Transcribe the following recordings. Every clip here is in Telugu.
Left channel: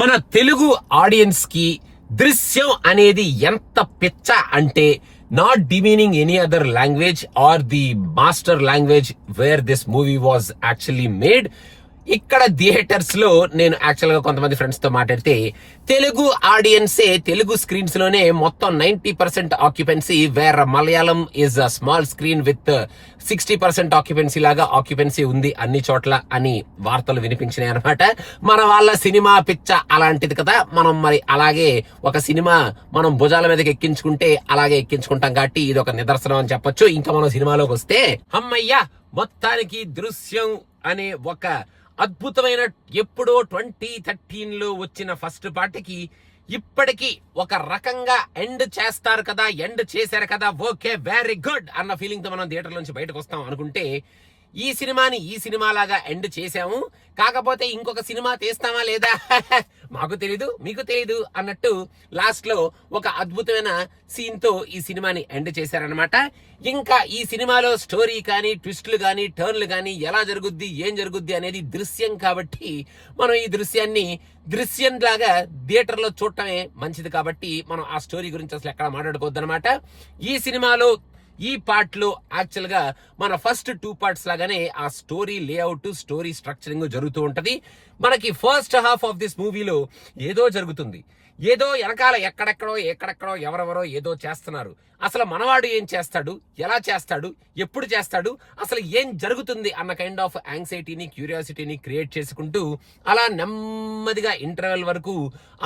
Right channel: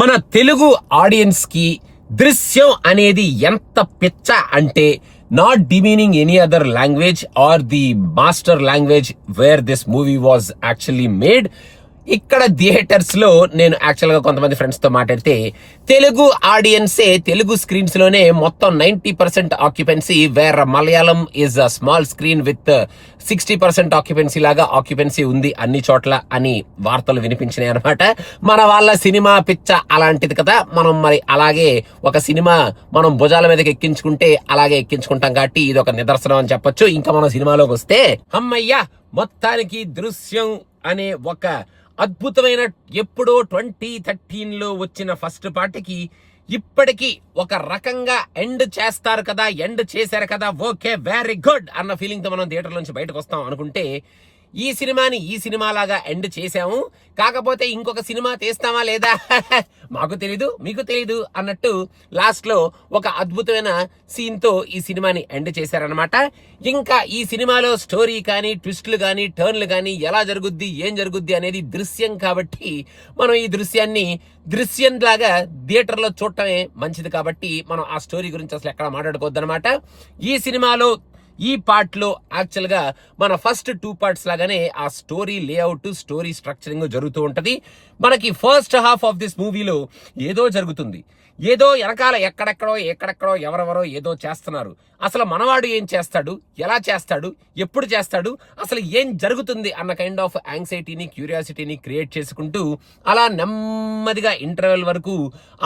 మన తెలుగు ఆడియన్స్ కి దృశ్యం అనేది ఎంత పిచ్చ అంటే not demeaning any other language are the master language where this movie was actually made. ఇక్కడ థియేటర్స్ లో నేను యాక్చువల్ గా కొంతమంది ఫ్రెండ్స్ తో మాట్లాడితే తెలుగు ఆడియన్సే తెలుగు స్క్రీన్స్ లోనే మొత్తం 90% occupancy, where Malayalam is a small screen with 60% occupancy లాగా ఆక్యుపెన్సీ ఉంది అన్ని చోట్ల అని వార్తలు వినిపించినాయి అనమాట. మన వాళ్ళ సినిమా పిచ్చ అలాంటిది కదా, మనం మరి అలాగే ఒక సినిమా మనం భుజాల మీదకి ఎక్కించుకుంటే అలాగే ఎక్కించుకుంటాం కాబట్టి ఇది ఒక నిదర్శనం అని చెప్పొచ్చు. ఇంకా మనం సినిమాలోకి వస్తే అమ్మయ్యా, మొత్తానికి దృశ్యం అనే ఒక అద్భుతమైన ఎప్పుడో 2013లో వచ్చిన ఫస్ట్ పార్ట్కి ఇప్పటికీ ఒక రకంగా ఎండ్ చేస్తారు కదా, ఎండ్ చేశారు కదా, ఓకే వెరీ గుడ్ అన్న ఫీలింగ్ తో మనం థియేటర్ నుంచి బయటకు వస్తాం అనుకుంటే ఈ సినిమాని ఈ సినిమా లాగా ఎండ్ చేశాము, కాకపోతే ఇంకొక సినిమా తీస్తామా లేదా మాకు తెలీదు మీకు తెలీదు అన్నట్టు లాస్ట్ లో ఒక అద్భుతమైన సీన్ తో ఈ సినిమాని ఎండ్ చేశారనమాట. ఇంకా ఈ సినిమాలో స్టోరీ కానీ ట్విస్టులు కానీ టర్న్లు కానీ ఎలా జరుగుద్ది ఏం జరుగుద్ది అనేది దృశ్యం కాబట్టి మనం ఈ దృశ్యం లాగా థియేటర్ లో చూడటమే మంచిది కాబట్టి మనం ఆ స్టోరీ గురించి అసలు ఎక్కడ మాట్లాడుకోవద్దు అనమాట. ఈ సినిమాలో ఈ పార్ట్ లో యాక్చువల్ గా మన ఫస్ట్ 2 పార్ట్స్ లాగానే ఆ స్టోరీ లేఅవుట్ స్టోరీ స్ట్రక్చరింగ్ జరుగుతూ ఉంటది. మనకి ఫస్ట్ హాఫ్ ఆఫ్ దిస్ మూవీలో ఏదో జరుగుతుంది, ఏదో వెనకాల ఎక్కడెక్కడో ఎవరెవరో ఏదో చేస్తున్నారు. అసలు మనవాడు ఏం చేస్తాడు, ఎలా చేస్తాడు, ఎప్పుడు చేస్తాడు, అసలు ఏం జరుగుతుంది అన్న కైండ్ ఆఫ్ యాంగ్జైటీని క్యూరియాసిటీని క్రియేట్ చేసుకుంటూ అలా నెమ్మదిగా ఇంటర్వెల్ వరకు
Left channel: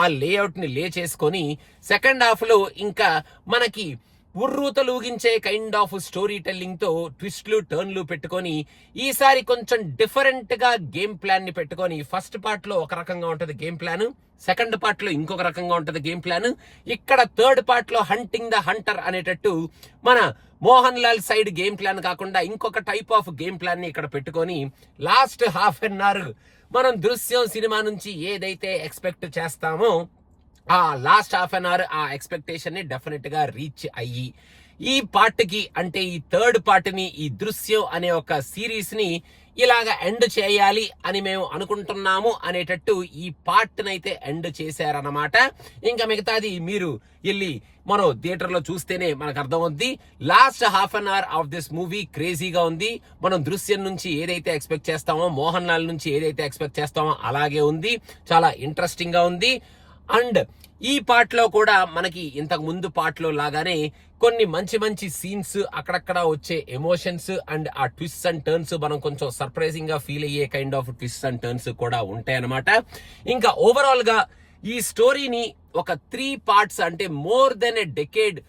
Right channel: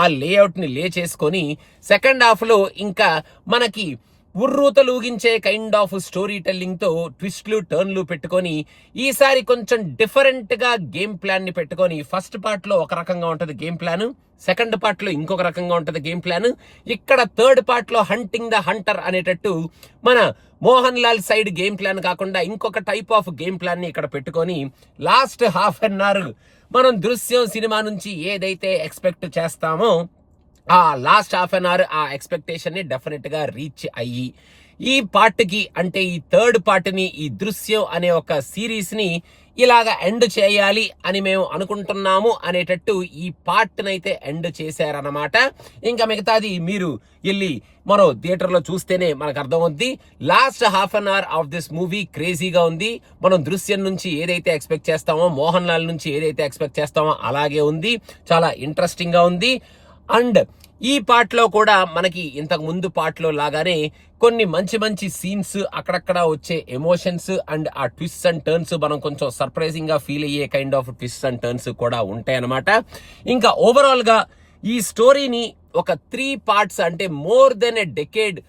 ఆ లేఅవుట్ ని లే చేసుకొని సెకండ్ హాఫ్ లో ఇంకా మనకి ఉర్రూతలూగించే కైండ్ ఆఫ్ స్టోరీ టెల్లింగ్ తో ట్విస్ట్లు టర్న్లు పెట్టుకొని ఈసారి కొంచెం డిఫరెంట్ గా గేమ్ ప్లాన్ ని పెట్టుకొని ఫస్ట్ పార్ట్ లో ఒక రకంగా ఉంటది గేమ్ ప్లాన్, సెకండ్ పార్ట్ లో ఇంకొక రకంగా ఉంటది గేమ్ ప్లాన్. ఇక్కడ థర్డ్ పార్ట్ లో హంటింగ్ ద హంటర్ అనేటట్టు మన Mohan Lal side game plan కాకుండా ఇంకొక టైప్ ఆఫ్ గేమ్ ప్లాన్ ని ఇక్కడ పెట్టుకొని లాస్ట్ హాఫ్ అన్ అవర్ మనం దృశ్యం సినిమా నుంచి ఏదైతే ఎక్స్పెక్ట్ చేస్తామో ఆ లాస్ట్ హాఫ్ అన్ అవర్ ఆ ఎక్స్పెక్టేషన్ ని డెఫినెట్ గా రీచ్ అయ్యి ఈ పార్ట్ కి అంటే ఈ థర్డ్ పార్ట్ ని ఈ దృశ్యం అనే ఒక సిరీస్ ని ఇలాగా ఎండ్ చేయాలి అని మేము అనుకుంటున్నాము అనేటట్టు ఈ పార్ట్ నైతే ఎండ్ చేశారనమాట. ఇంకా మిగతాది మీరు వెళ్ళి మనం థియేటర్ లో చూస్తేనే మనకు అర్థమవుద్ది. Last half an hour of this movie క్రేజీగా ఉంది. మనం దృశ్యం నుంచి ఏదైతే ఎక్స్పెక్ట్ చేస్తామో, మోహన్ లాల్ నుంచి ఏదైతే ఎక్స్పెక్ట్ చేస్తామో అలాగే ఉంది. చాలా ఇంట్రెస్టింగ్ గా ఉంది. అండ్ ఈ పార్ట్ లో కూడా మనకి ఇంతకు ముందు పార్ట్ లో లాగానే కొన్ని మంచి సీన్స్, అక్కడక్కడ వచ్చే ఎమోషన్స్ అండ్ ఆ ట్విస్ట్ అండ్ టర్న్స్ మనం కొంచెం సర్ప్రైజింగ్ గా ఫీల్ అయ్యే kind of twist and turns కూడా ఉంటాయి అన్నమాట. ఇంకా ఓవరాల్ గా ఈ స్టోరీని ఒక 3 పార్ట్స్ అంటే మోర్ దెన్ ఎ డెకేడ్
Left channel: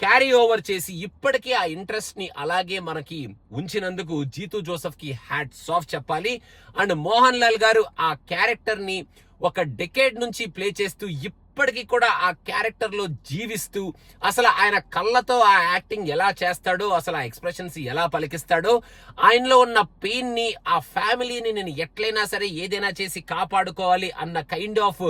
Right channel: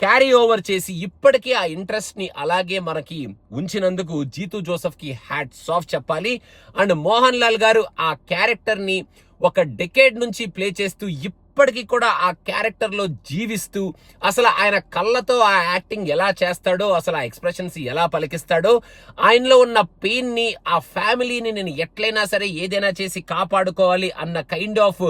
క్యారీ ఓవర్ చేసి ఇప్పటికీ ఆ ఇంట్రెస్ట్ ని అలాగే మనకి ఉంచినందుకు జీతూ జోసెఫ్ కి హ్యాట్స్ ఆఫ్ చెప్పాలి. అండ్ మోహన్ లాల్ గారు ఆ క్యారెక్టర్ ని ఒక డెకేడ్ నుంచి ప్లే చేస్తూ ఇప్పటికీ కూడా ఆ క్యారెక్టర్ లో జీవిస్తూ అసలు ఆయన కళ్ళతో ఆ యాక్టింగ్ ఎలా చేస్తాడో, అసలు ఆ ఎక్స్ప్రెషన్స్ ఎలా పలికిస్తాడో, ఆయనలో ఉన్న పెయిన్ ని ఆ ఫ్యామిలీని నేను ఎట్లయినా సరే ఏదైనా చేసి కాపాడుకోవాలి అన్న కైండ్ ఆఫ్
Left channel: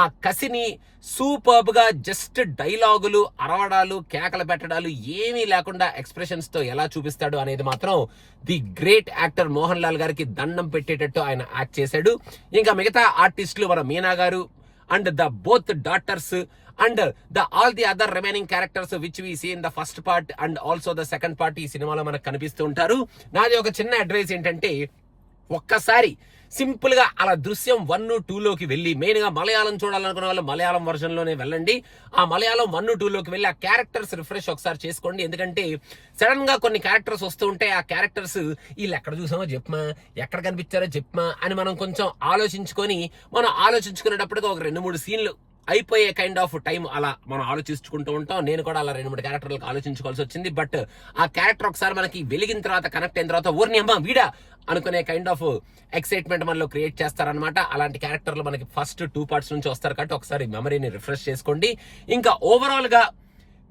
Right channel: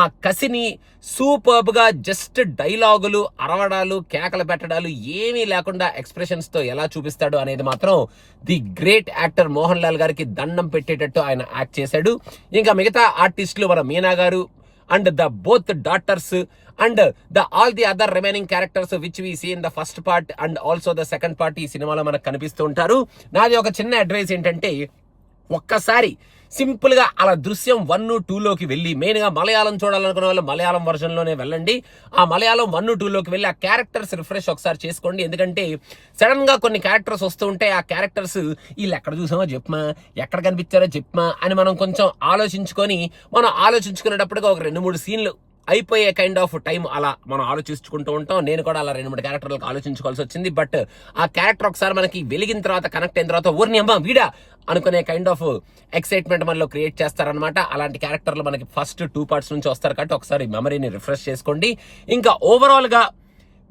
ఆ కసిని సూపర్బ్ గా జస్ట్ డైలాగులు, అరవడాలు, కేకలు పెట్టడాలు ఏమీ లేకుండా ఎక్స్ప్రెషన్స్ తో ఎలా చూపిస్తాడు అనేది మాత్రం the great actor Mohan Lal గారికి దండం పెట్టేటట్టు ఆయన యాక్ట్ చేశాడు. ఇంకా మిగతా ఆర్టిస్టులు మన మీనా గారు and the both daughters and all the other remaining characters which we see in the first part and also the second part ఈ సినిమాలో మనకు కనిపిస్తూ ఉంటారు. నాది ఒక చిన్న అడ్వైస్ ఏంటంటే ఒక్కసారి సింపుల్ గా అలా దృశ్యం 1, 2లోకి వెళ్ళి మెయిన్ గా మలయాళం చూడాలనుకునే వాళ్ళు మలయాళం వర్షన్ లోనే వెళ్ళండి. ఆ మలయాళం 1, 2లోకి వెళ్ళి ఆ క్యారెక్టర్స్ రిఫ్రెష్ ఒకసారి చేసుకోండి. ఎందుకంటే సడన్ గా కొన్ని క్యారెక్టర్స్ వస్తూ ఉంటే ఆ క్యారెక్టర్స్ వీళ్ళు ఎక్కడ చూసామో చెప్పమా, ఎక్కడ కనిపించారో చెప్పమా అని మనం కొంచెం ఆలోచించుకునేటప్పటిగా ఒక 2-3 సీన్లు అయిపోయే కైండ్ ఆఫ్ టైం అలా మనం ఆలోచించుకుంటూ ఉంటాం. నేను కూడా అలా 2-3 క్యారెక్టర్లకు ఆలోచించుకోవాల్సి వచ్చింది. బట్ ఆ క్యారెక్టర్ ఒకసారి మనకి వెలిగిన తర్వాత కనెక్ట్ అయిన తర్వాత ఊరిని అమ్మ వీడా అనుకునే కైండ్ ఆఫ్ ఎక్సైట్మెంట్ మనలో క్రియేట్ చేస్తారనమాట. అలాంటి క్యారెక్టర్లు మనకి ఫస్ట్ 2 పార్ట్స్ నుంచి వస్తారు కాబట్టి ఒకసారి మెమరీని రిఫ్రెష్ చేసుకోండి. ఇంకా ఓవరాల్ గా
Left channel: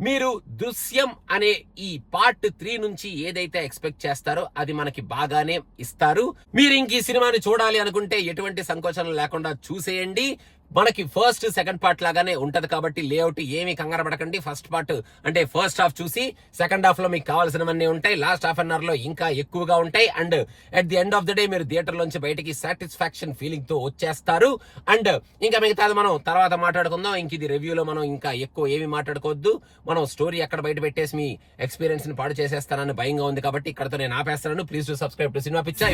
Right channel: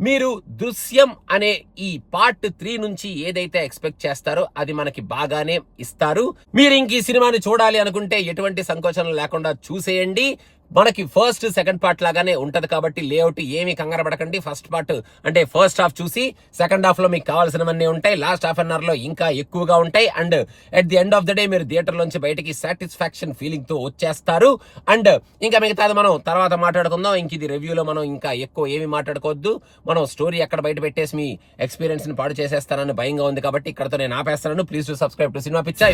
మీరు దృశ్యం అనే ఈ పార్ట్ 3 నుంచి ఏదైతే ఎక్స్పెక్ట్ చేస్తారో అది మనకి బాగానే ఇస్తారు. మీరు ఇంక ఈ సినిమాని చూడాలి అనుకుంటే ఎటువంటి సంకోచనం లేకుండా చూసేయండి. మనకి ఫస్ట్ సెకండ్ పార్ట్ లాగానే ఉంటది కాబట్టి లేఅవుట్ ఏమి కంగారు పడకండి. ఫస్ట్ పార్ట్ అంటే ఫస్ట్ హాఫ్ చూసి సెకండ్ హాఫ్ లో మీకు కావాల్సినవన్నీ ఉంటాయి. లాస్ట్ హాఫ్ అన్ అవర్ లో ఇంకా ఎక్కువగా ఉంటాయి. And at the end of the day మీరు థియేటర్ లోంచి బయటికి సాటిస్ఫాక్షన్ ఫీలింగ్ తో వచ్చేస్తారు. అండ్ ఇంకా మిగతాది మనం తర్వాత మాట్లాడుకుందాం. ఇంక ఇది రివ్యూలో మనం ఇంకా ఎక్కువ ఏమి మాట్లాడుకోవద్దు. మనం స్టోరీ ఎక్కడ బయట పెట్టేసి మీ ఎక్స్పీరియన్స్ ని పాడు చేసేస్తానని భయంగా ఉంది కాబట్టి ఇక్కడతో నేను ఆపేస్తాను. Please to subscribe to cinema పిచ్చా.